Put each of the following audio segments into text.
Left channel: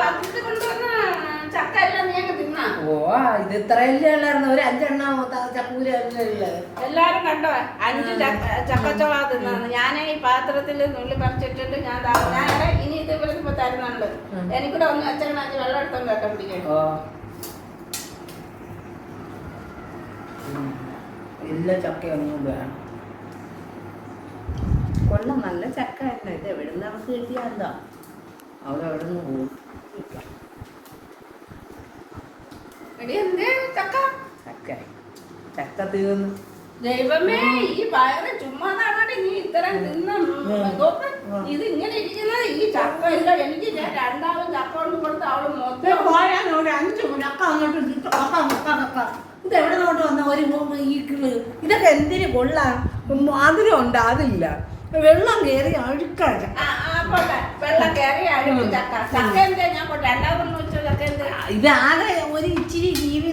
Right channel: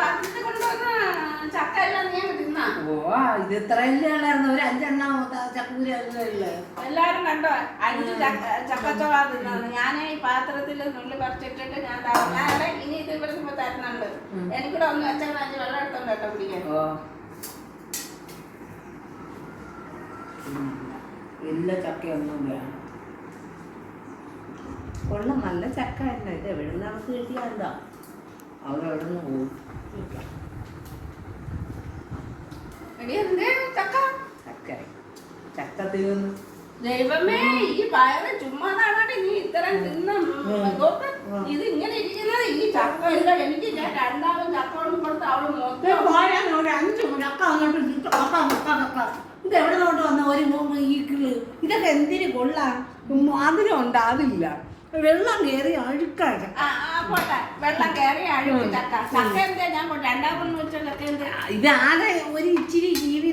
പാത്രത്തിൽ കൊണ്ടുവന്ന ചക്ക എല്ലാം നീ അങ്ങ് തിന്നാ. ഓ ഇത് ഇത്രയല്ലേ ഉള്ളായിരുന്നു, ഒരു 5 എണ്ണം ചക്കൂരല്ലേ ഉള്ളത്. എല്ലാരും കണ്ടോ 5 ചക്കച്ചോള തിന്നാന്ന്. ഞാൻ ഈ പാത്രത്തിൽ നുള്ളി പറിച്ചിട്ടിട്ട് ഞാൻ ഇനി ഇത് ഇവർക്ക് തരുന്നുണ്ട്. എനിക്കൂടെ ഒന്ന് അച്ഛൻ വെള്ളം എടുത്തോണ്ട് കേട്ടോ പിടിക്കാൻ. ഓ എല്ലാ ചക്കയൊന്നും വേണം. കൊള്ളം നല്ല ചക്ക തന്നെ. ഇത് എവിടെ നിന്ന് നമുക്ക് കിട്ടിയാ എന്താ അവിടെ എവിടെ നിന്ന് പോകും. ചക്ക തീർന്നു. ദൈവമേ ഈ വയറ് ചുമ്മാതാണ് നീ ഇത്രയും തിന്ന. ഇത് ഇങ്ങനെ ഇരിക്കുന്നത് ഈ ചക്ക എനിക്ക് രണ്ടാമത് ചക്ക കൊണ്ട് കൊടുത്ത് അവള് മൊത്തം 5 ചക്ക അങ്ങോട്ട് ഇത് എവിടെ നോട്ട് വന്ന ഒരു ഈക്കിള്. ഇതൊക്കെ എന്തിനു കൊള്ളാം. അതിനും ഉണ്ടാവില്ല. വെള്ളം കയറി അഴുക്കാണ്. വെള്ളം കയറി അഴുക്ക് ചക്ക. ചക്ക എന്താ ഞാൻ രണ്ടാമത് വെച്ച ചക്ക എന്താ? ഇതാകെ ഒരു ഇച്ചിരി ജീവി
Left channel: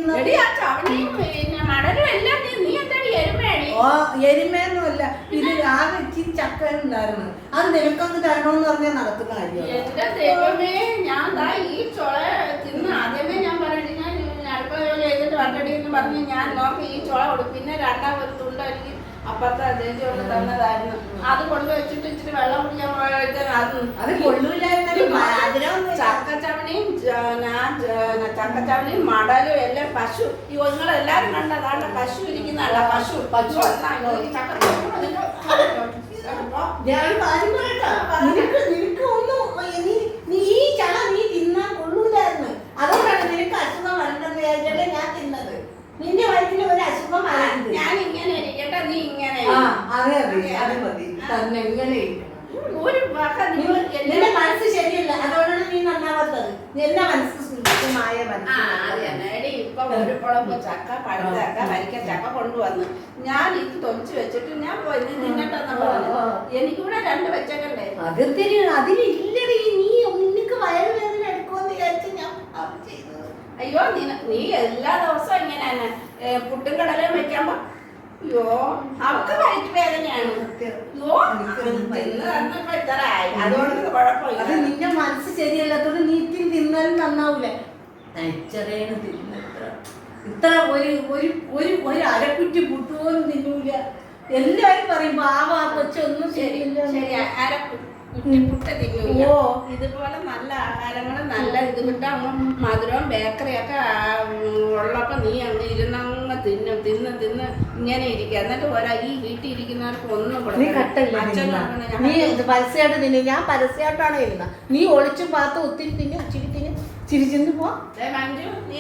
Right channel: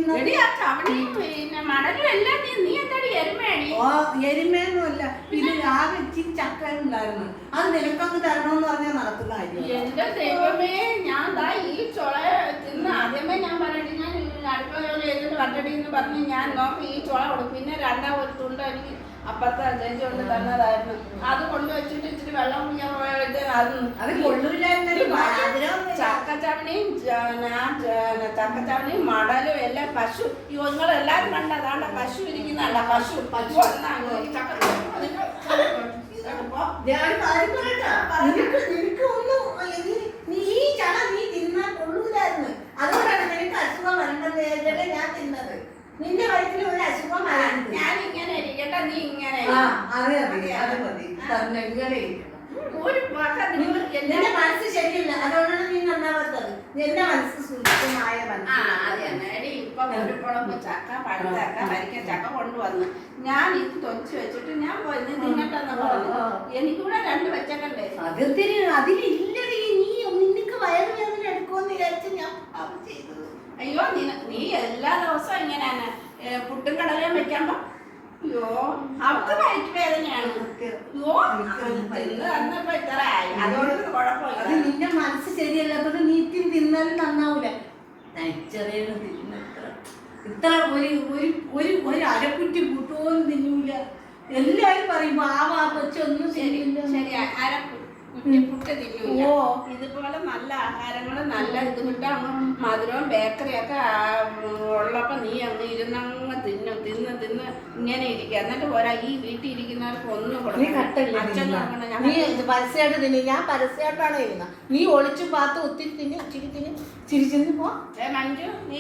മടലും എല്ലാം നീ എന്താടി എരുമയാണി? ഓ എരുമയൊന്നുമല്ല, ഇത് ആകെ ഇച്ചിരി ചക്ക ഉണ്ടായിരുന്നു. അത് നിനക്കൊന്ന് തരണമെന്ന് പറഞ്ഞാൽ നടക്കുന്ന കാര്യം. എന്റെ ദൈവമേ, ഞാൻ ഈ ചുള തിന്ന് ആദ്യമേ ഞാൻ പറയണേ, ഞാൻ അടുക്കള ജോലി ചെയ്തിട്ട് വണ്ടടി എന്ന് പറഞ്ഞ് ഞാൻ നോക്കി ഈ ചുള കൊടുക്കും. പിന്നെ രണ്ടാമത് തുണ്ട എനിക്ക് അപ്പുറത്തെ ചേച്ചി കൊണ്ട് തന്നതായിരുന്നു. അത് കൊണ്ടുവച്ചിട്ട് ഇച്ചിരി വെള്ളം കുടിക്കാൻ ചക്കച്ചവണിയും മടലും എല്ലാം പശു. എല്ലാരും കണ്ട അതാണ്ട് പശു ഇരിക്കുന്നല്ല. പശു നീ ഈ ചള നീ തിന്നാൻ കൊള്ളൂലായിരുന്നു. അതുകൊണ്ടാണ് നിനക്ക് അസുഖം വരേണ്ടത് ഞാൻ തിന്നത്. നിന്റെ വയറ്റിൽ ഒരു അസുഖം വരരുത്. ഞാൻ ഇങ്ങനെ ഇരിക്കട്ടെ, നീ ഇങ്ങനെ. അതെ അത് മതി. തന്നെ ഇങ്ങനെ നിന്റെ മനസ്സ് ശരിയല്ല, അതുകൊണ്ടാണ് നീ നന്നാവാത്തത്. എന്റെ മനസ്സ് സുന്ദരമായ ഇപ്പൊ ഒരു കുളമ്പ് ചക്ക, പഴച്ചക്ക, വരിക്ക ചക്ക കൊണ്ടുവന്നു. ഞാൻ ഇത് തൊലിച്ചു വെച്ചിട്ട് ഞാൻ പോയി തിന്നിട്ടെന്ന് പറഞ്ഞു. എനിക്കൂടെ 2 വെച്ചക്കണ്ടേ. അതിലില്ലത്. നീ നിനക്ക് വയറുവേദന എടുക്കുമെന്ന് വിചാരിച്ച് ഞാൻ ചെയ്തത്. അയ്യോ നീ എല്ലാ ദിവസവും ഇങ്ങനെ പുട്ടും കടലയും വെക്കുമ്പോ അയ്യോ അവർക്ക് വയറ്റ് വേദനയാണ്. അതുകൊണ്ട് കുഴപ്പമില്ല. അത് നിന്റെ മനസ്സ് ശരിയല്ലാത്തത്. നീ തിന്നാലും നന്നാവൂല. ഇത്ര ഒരു അരക്കുറ്റി പുട്ടുപോലും തിന്നൂല. എല്ലാരും പറയും പാവാ കൊച്ചൊന്നും ശരിയില്ല. ഇതുപോലെ നല്ല ആഹാരങ്ങൾ നല്ല ഇത് കിട്ടാൻ മധുരവും ബേക്കറിയൊക്കെ ഉള്ളപ്പോ നീ അങ്ങ് ഇരുന്നങ്ങ് തിന്ന് ഇങ്ങനെ ഇരിക്കുക. എന്നിട്ട് പോരാ ഈ വീട്ടിൽ ഇരിക്കുന്നവർക്ക് ഒന്നും നീ പരസ്യമായിട്ട് തിന്നു. ഞാൻ പരസ്യമായിട്ടാണ് ഇരുന്നത്. നീ ഒളിച്ചും പാത്ത് ഒത്തിരി തിന്നു, ഇച്ചിരി തിന്നു, ചിരിച്ചിന്ന് പോ. മഞ്ജു നീ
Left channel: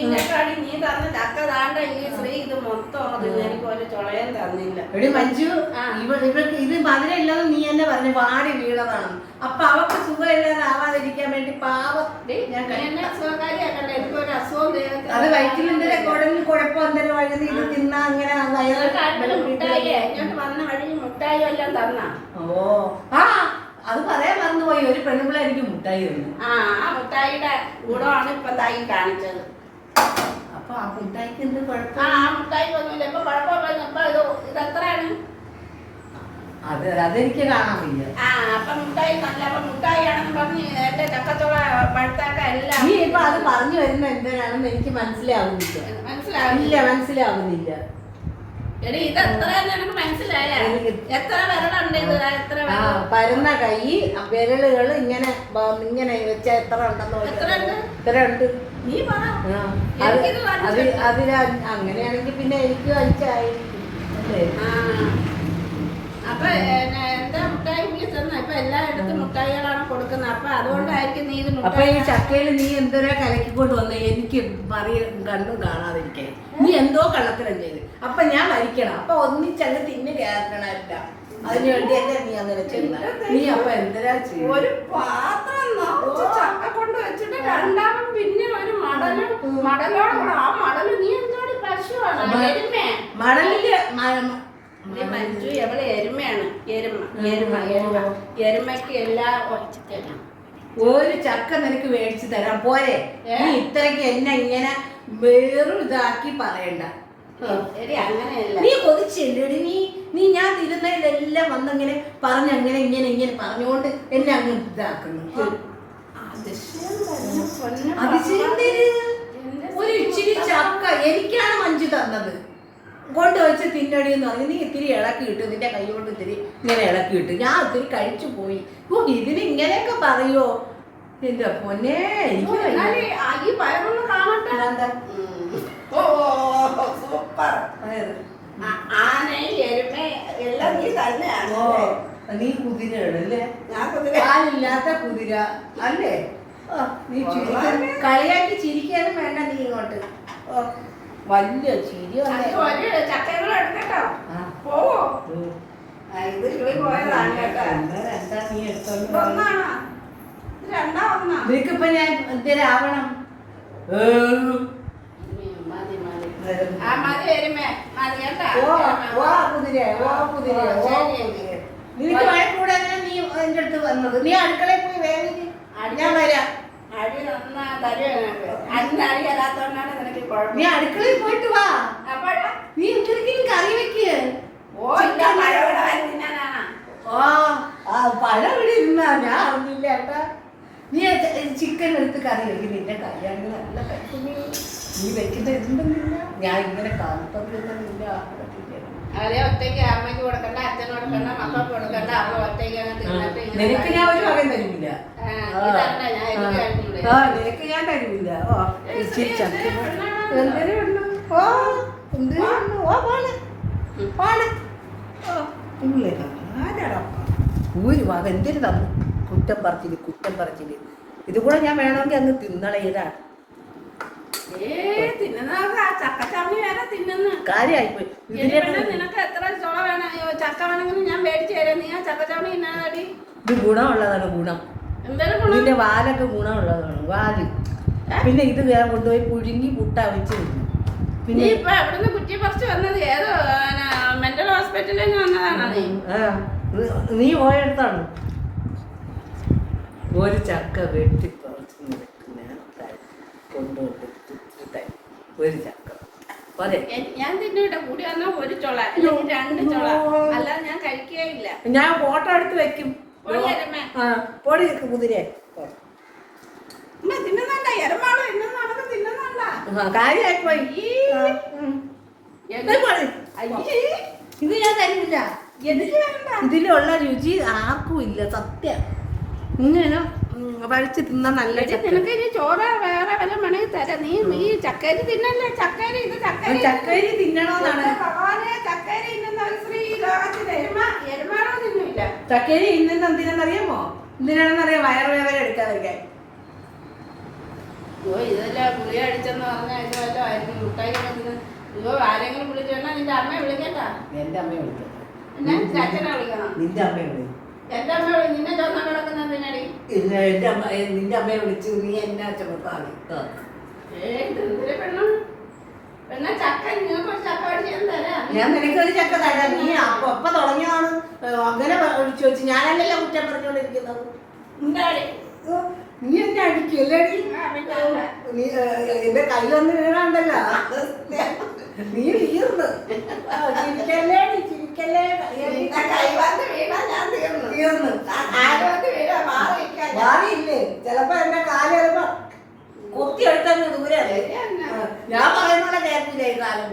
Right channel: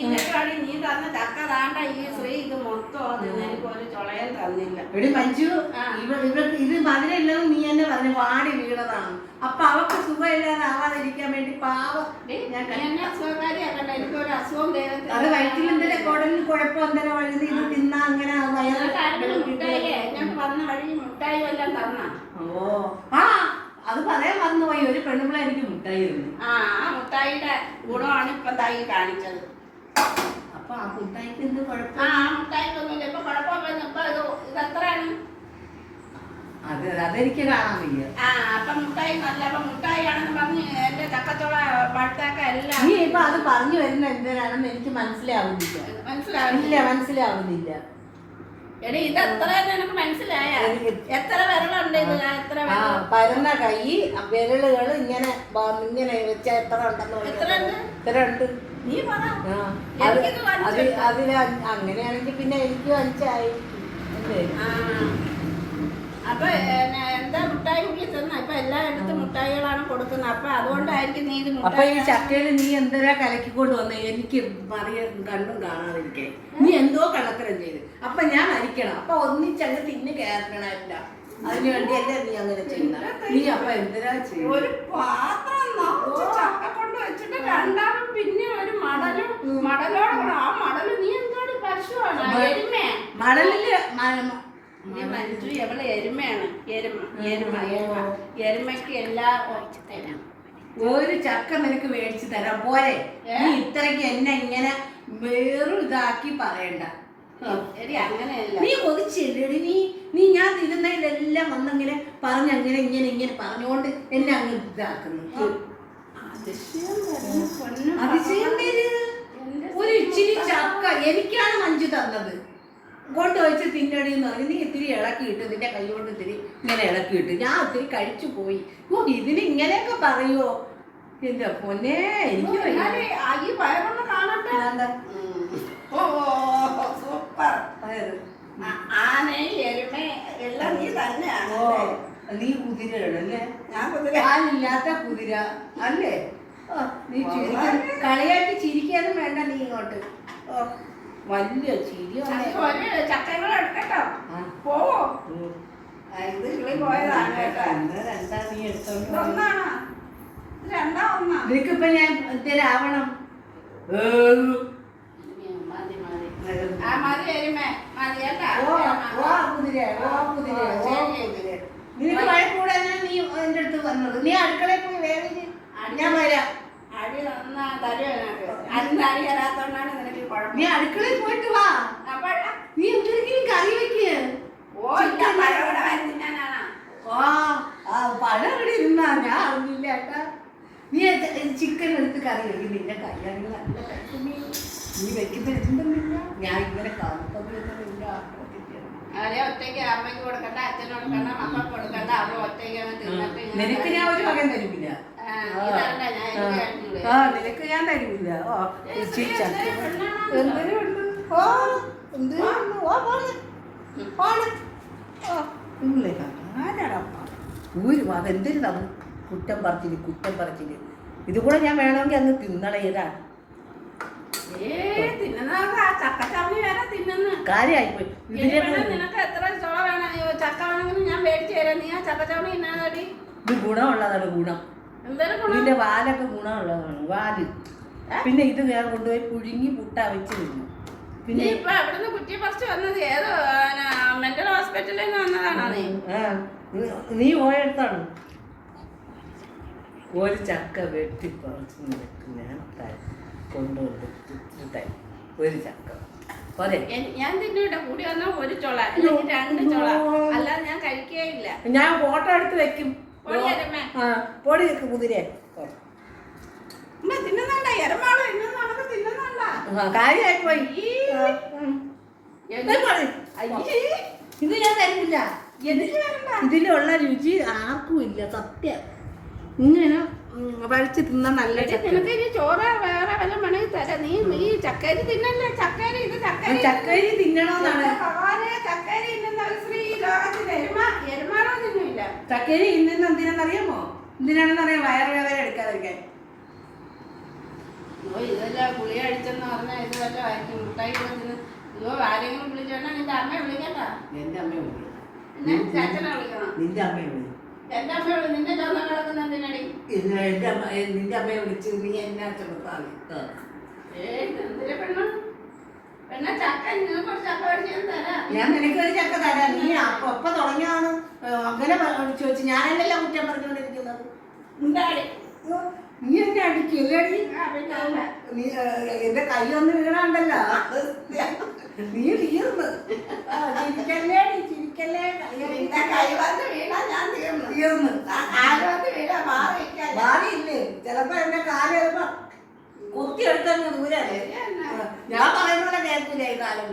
തന്ന ചക്ക താണ്ട ഈ ശ്രീ ഇത് മൊത്തം എനിക്ക് ഒരു ചുളയം തന്നില്ല. എടി മഞ്ജു, ഇവർക്ക് ഇത് മധുരം ഇല്ലെന്ന് നീ തന്നെ പറഞ്ഞു. വാടി വീണതാണ്. അപ്പൊ അവർക്ക് സുഖമില്ലാതെ ആവാതിരിക്കാൻ വേണ്ടി പാവം അത് വയറ്റിൽ എന്തെങ്കിലും കുടലിൽ കുഴപ്പം എന്തെങ്കിലും വഴുതി ഇത് തിന്നാ അങ്ങനെ വന്ന വഴി മുട്ടായി എല്ലാം തന്ന. ഓ അത് പറയാൻ മറന്നുപോയി. ഒരു പെണ്ണുപിള്ള എനിക്ക് മുട്ടായി തന്നു. ആ മുട്ടായിയുടെ ഗുണമാണ് ഇപ്പൊ തായി കാണിച്ചത്. അപ്പൊ ആ മുട്ടായിക്ക് എന്ത് കുഴപ്പം? ആ മുട്ടായിക്ക് ഒന്നുമില്ല. ഇപ്പൊ കുഴപ്പമില്ല. ഇപ്പൊ ഇത് എത്രയാണ്? അതെനിക്ക് കാണാൻ വയ്യ. അപ്പൊ മുട്ടായി നല്ല മുട്ടായിയാണെന്ന് പറഞ്ഞ് എന്റെ ചക്കച്ചോള പഴുത്താക്ക എല്ലാം. നീ ഇപ്പൊ അത് പറഞ്ഞു വരുന്ന എന്തിനാണെന്ന് എനിക്ക് മനസ്സിലാവുന്നില്ല. മനസ്സിലാവുന്നില്ല. എടി ഇത് എത്ര നിനക്ക് മനസ്സിലായ? എത്ര വിരലുണ്ട് ഇത്? എത്ര പരന്ന കൈ വിരലുകൾ ഇങ്ങനെ ഇങ്ങനെ വെച്ചാ എത്ര ഉണ്ടെന്ന്? എത്ര ഉണ്ട് നീ പറ. അതിന് അങ്ങനെയാണെങ്കിൽ പിന്നെ എനിക്ക് 5 ആയിരിക്കും. അപ്പൊ എന്താ മുട്ടായി തന്ന? ഇപ്പൊ എല്ലായിടത്തും മുട്ടായികളാണ് കൊടുക്കുന്നത്. അപ്പൊ അതുകൊണ്ടായിരിക്കും നീ ഇത്. അപ്പൊ ഈ ചക്കയിൽ നീ എന്തോരാ കലക്കിക്കൊണ്ട് വന്ന് എനിക്ക് കണ്ടും കാണാതിരിക്കാൻ. നീ എന്തോ കള്ളത്തരം ചെയ്ത്. അപ്പൊ ഞാൻ മരിക്കണം. അപ്പൊ ഒന്നിച്ചങ്ങ് തിന്ന് കയറണല്ല. അതിന് വേണ്ടിയല്ലേ നീ അങ്ങനെ ചെയ്യുന്നത്. നീ അപ്പൊ എന്തിനാ ചെയ്യും? ഒരു പാത്രം ചക്ക കൊണ്ട് വെച്ചിട്ട് രണ്ടാമത് പിന്നെ ഒരു മടലോട് ആ മടല് നീ എന്തോടി പശുവാണ്? മടലില് മഞ്ജു എവിടെ എരുമയാണ്. എരുമയ്ക്ക് എല്ലാ ഒരു ചക്ക നിനക്ക് മേടിച്ചു തരാം പോരെ. നീ ഇത്രയ്ക്ക് എന്നെ ഇങ്ങനെ വേറും ഇതാക്കി പറയണ്ട. നീ കൊതിച്ചില്ലേടി? നീ ഞാൻ തിരുന്നതിലെല്ലാം വന്നിങ്ങനെ പറഞ്ഞങ്ങനെ ഇങ്ങനെ പറഞ്ഞുകൊണ്ട് എന്നെ അങ്ങ് ഇതാക്കുന്നു. ചോദിച്ച് തിന്നടി എന്ന് പറഞ്ഞു. നീ ഇത്തിരി ഇളക്കിയിട്ട് നിന്റെ കൈ കൊണ്ട് ഇത്തിരി ഇങ്ങനെ ഇളക്കിയിട്ട് ഞാൻ ഒത്തിരി കഴിച്ചു പോയി. ഓ ഇതിന് ഇങ്ങനെയൊക്കെ പറയുമോ? എന്റെ പൊന്നെ എനിക്ക് എന്നാല് ഈ പയറൊന്ന് കാണട്ടെ. ഓ സൂപ്പർ. ആന എരുമ എല്ലാം നീ തന്നെയാണ്. നീ കുതിരയല്ലേ? ഞാൻ കുതിര. പാലില്ലാത്ത കുതിര അല്ലേ? നീ കളിയാക്കി ചിരിക്കാനും വേണ്ട. നീ ഇങ്ങോട്ട് വലിയ ചിരി ചക്കകൾ എടുക്കട്ടോ. പോവോ? ഇത് കിളി പോയതാണ് കേട്ടോ. എന്താ നീ എടുത്തോണ്ട് ഒന്നാണോ? രണ്ടാ ഒന്നാ? നിനക്കിപ്പോ ഞാൻ എന്തേരാവണം? മതി എരുമ മതി കേട്ടാ. നിനക്ക് വഴക്കൂടെ നീ എന്റെ അടുത്ത് വന്നത്. നീ അടുക്കളയിൽ പോയി വേവിച്ച് ഞാൻ വരാം. അടി നന്നാ തരുവാ. അന്ന് അടി തരാത്തോണ്ടാണ് നിനക്ക് കുഴപ്പം. നീ അടുക്കളയിൽ പോയിട്ട് വാ. അപ്പോഴാ നീ എന്തെങ്കിലും കറി വെക്ക്. പഴം ഇവിടെ ഇരുന്നാ ഞാൻ അറിഞ്ഞില്ല ഏട്ടാ. നീ ചിക്കൻ എടുത്ത് കറി വെക്കും. നിന്റെ കൈയാണെങ്കിൽ നല്ല കഴിക്കുമേ. നീ വെക്കുന്ന എന്തെന്നില്ല. ഞാൻ ഇങ്ങനെ കാണില്ല. അവരെ ഒറ്റയ്ക്ക് അമ്മയ്ക്ക് കൊടുക്കണ്ട, അച്ഛന് കൊടുക്കണ്ട, മക്കൾക്ക് കൊടുക്കണ്ട. അവള് ഒറ്റയ്ക്ക് നിനക്ക് ഞാൻ ഒരു വകയും തരുമില്ല. നിനക്ക് ഞാൻ തരുമില്ല. എന്തിനുണ്ട്? ഓ എന്തിനുണ്ട്? ഓ പോണ് പോണ്. ആരാടപ്പാ ഒരു വക എന്തിനു തന്നു? കുറ്റം പറച്ചില്. ഇത് കൂടെ ഞാൻ വേണമെങ്കിൽ അങ്ങ് തിന്നണേതാണ്. കാര്യായിപ്പോയി. നിനക്ക് എത്ര ചോള വേണം? ചക്ക വേണമെങ്കിലും ഞാൻ മേടിച്ചു തരാം. നീ ആ ചക്കച്ചവണി ഇന്നാടി. ഇത് ഗുണമുള്ളതാണ്. ഗുണം ഇതിന്റെ വാലൊക്കെ ഗുണമുള്ളതാണ്. വാല് പിന്നെ ഇത് വേറെ കൊണ്ടുപോയി പുഴുങ്ങി പുട്ട വെച്ച് തിന്നു. പിന്നെ ഇപ്പൊ എവിടുന്ന് കുറ്റി പറിച്ച് വന്നത്? ഏതോ മെന്റൽ ഹോസ്പിറ്റലിൽ നിന്ന് വന്നതാണോ? നീ പോയെടുത്താണ്. ഒരു ചക്ക വെട്ടി പറിച്ച് നിനക്ക് ഞാൻ കൊണ്ടുകൊടുത്തു. ഒരു ചക്ക അതെ ഞാൻ തിന്നിട്ട് കൂടി വന്നാൽ ഒരു ചൊള, രണ്ട് ചൊള, അല്ലാതെ ഞാൻ കഴിക്കുകയില്ല. ഞാൻ ഫോട്ടോ എടുത്ത് വെക്കും. പൊടി കുതിരെ തിന്നുന്നുണ്ട എരമാള് ഇന്നൊന്നും തിന്നുന്നുണ്ട. കാര്യായിപ്പോയി. ഇത് ഞാൻ തരില്ല. ഇതിലുള്ള രുചി ആർക്കും ഇല്ല. സത്യം ഇങ്ങനെ കഴിച്ച് തിന്നാൻ നല്ല. നിനക്ക് ഇനി ചോറ് വേറെ വല്ല വേണമെങ്കിൽ തരാം. നീ ഈ ചക്കരി തിന്നല്ലേ? ചക്കരി ഇത് ചക്കരി തിന്നണമെന്നാണ്. ചക്കരി എരുമാളോ തിന്നില്ല. ചക്കരി ഇന്ന് എന്തിനാണെന്നറിയാമോ? എന്തിനാണെന്നറിയാം? വയറുവേദന എടുക്കാതിരിക്കാൻ. ഇതെല്ലാം ഗുളിക അടിച്ചെന്ന് പറഞ്ഞാൽ ഇത് വല്ല ആയിരിക്കും. മുട്ടായി ആരെങ്കിലും വിളിച്ചോണ്ടാ നിന്റെ അമ്മയെ വിളിക്കട്ടാ. എന്റെ അമ്മയെ വിളിക്കണം. പിന്നെ അച്ഛനെ വിളിക്കണം. നിന്റെ അമ്മയെ വിളിക്കും. എന്റെ അമ്മ നിന്നെ ചോദിക്കാൻ കിടക്കുന്നതിനടി. നിന്റെ അമ്മയെ വിളിച്ച് നീ എന്നാ ചുമത്താളി. ഞാൻ നിനക്കൊരു ചക്ക തരാം. നീ അപ്പൊ തുടങ്ങിയതാണ് അങ്ങനെ ചോദിച്ചു. ഞാനല്ലല്ലോ കുറ്റം പറഞ്ഞുകൊണ്ടിരിക്കുന്നത്. നീ എന്നെ അടിക്കല്ലേ? നീ എന്റെ കൈ ഒന്ന് വീണുണ്ടല്ലോ. നീ തീർന്നു. ചിരിക്കല്ലേ ചിരിക്കല്ലേ. തീർന്നു. ഭാവിയില്ലേ? ചിലപ്പോ എന്റെ കാല് ചിലപ്പോ കുത്തിയെടുത്തങ്ങ് ദൂരല്ലേ. ഞാൻ പറയുന്ന കേൾക്കില്ല. ഈ കാലം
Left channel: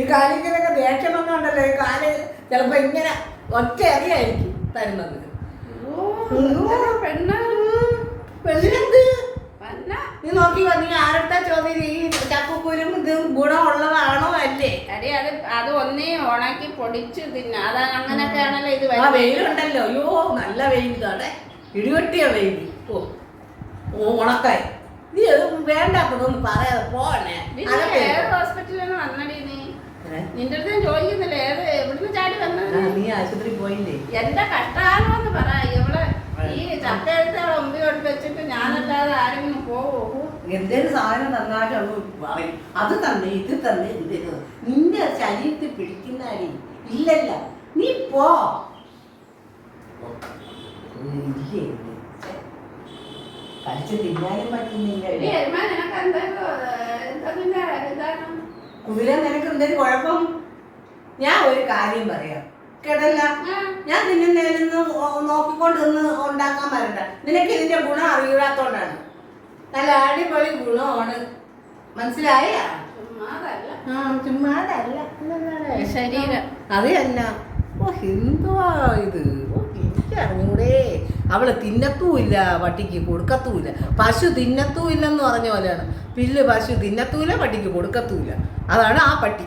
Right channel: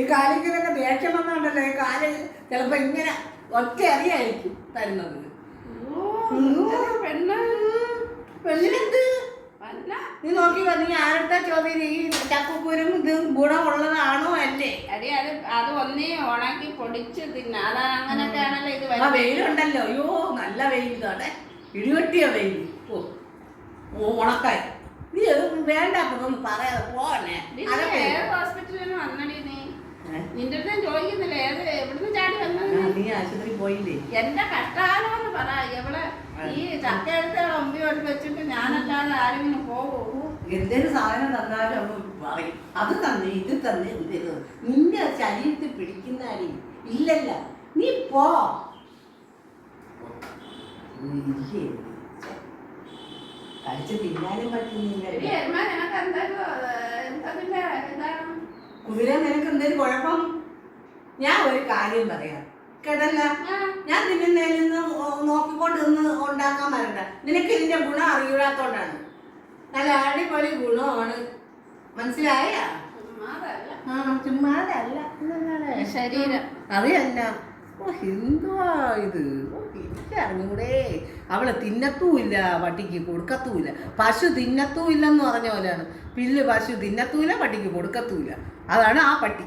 ഈ കാലിക്കൊക്കെ ദേഷ്യം വന്നുണ്ടല്ലോ. ഈ കാല് ചിലപ്പോ ഇങ്ങനെ ഒറ്റ അറിയായിരിക്കും തരുന്നത്. പെണ്ണിനെന്ത്? നീ നോക്കി നീ ആരുടെ ചോദ്യം? ഈ ചക്കക്കുരും ഇത് ഗുണമുള്ളതാണോ അല്ലേ? അടി അത് ഒന്നേ ഉണക്കി പൊടിച്ച് തിന്ന. അതാണ് അങ്ങനൊക്കെ ആണല്ലോ ഇത്. ആ വെയിലുണ്ടല്ലോ. അയ്യോ നല്ല വെയിൽ. ഇതാണ് ഇടിവെട്ടിയ വെയിൽ. ഓ ഉണക്കായി. നീ വേണ്ടാത്തതൊന്നും പറയാതെ പോണേ. ഏത് ഹോസ്പിറ്റലിലാണ് വന്നടി നീ? നിന്റെ അടുത്ത് ചോദിക്കുന്നില്ല എവിടുന്ന് ചാടി വന്നത്? നീ ആശുപത്രി പോയില്ലേ? എന്റെ കഷ്ടാലോന്ന് പറ. എവിടെ ഈ ചക്ക എടുത്ത് അവളെ മുമ്പിൽ കൊണ്ട് വെച്ചിട്ട് ഞാനല്ലാതെ ആരെങ്കിലും പോവോ? എന്തേലും സാധനം തന്നാലും ഒന്ന് പറയും. അത് തന്നെ ഇത് തന്നെ ഇത് നിന്റെ ശരീരത്തിൽ പിടിക്കുന്ന അടി ഇല്ലല്ല. നീ പോ. കഴിച്ച് തിന്നാനും പറ്റുന്നില്ല. കുതിര നിനക്ക് എന്തേലും കുഴപ്പം? ഞാൻ ഒരു കാര്യം പറയാം കേട്ടല്ല. ഞാൻ തിന്നുന്നതിന് നോക്കിക്കൊണ്ട് നിന്ന് ഉണ്ടാക്കാൻ വരണ്ട. നിനക്ക് ഇതിന്റെ ഗുണം അറിയാത്തോണ്ടാണ്. നല്ല അടിപൊളി ഗുണമാണ്. മനസ്സിലായ? ചുമ്മാതല്ല. ചുമ്മാതല്ല ശരീരം. അത് തന്നെ. ഓ എന്തുവാ ഇത്? ഓ എനിക്ക് അറിഞ്ഞൂടെ. അവള് തിന്നത്തുമില്ല, പട്ടിക്ക് കൊടുക്കത്തുമില്ല. പശു തിന്നത്തുമില്ലെന്ന് പറഞ്ഞ പോലെയാണ്. പശു തിന്നത്തുമില്ല, പട്ടിക്ക് കൊടുക്കത്തുമില്ല. അതാണ് ആ പട്ടി.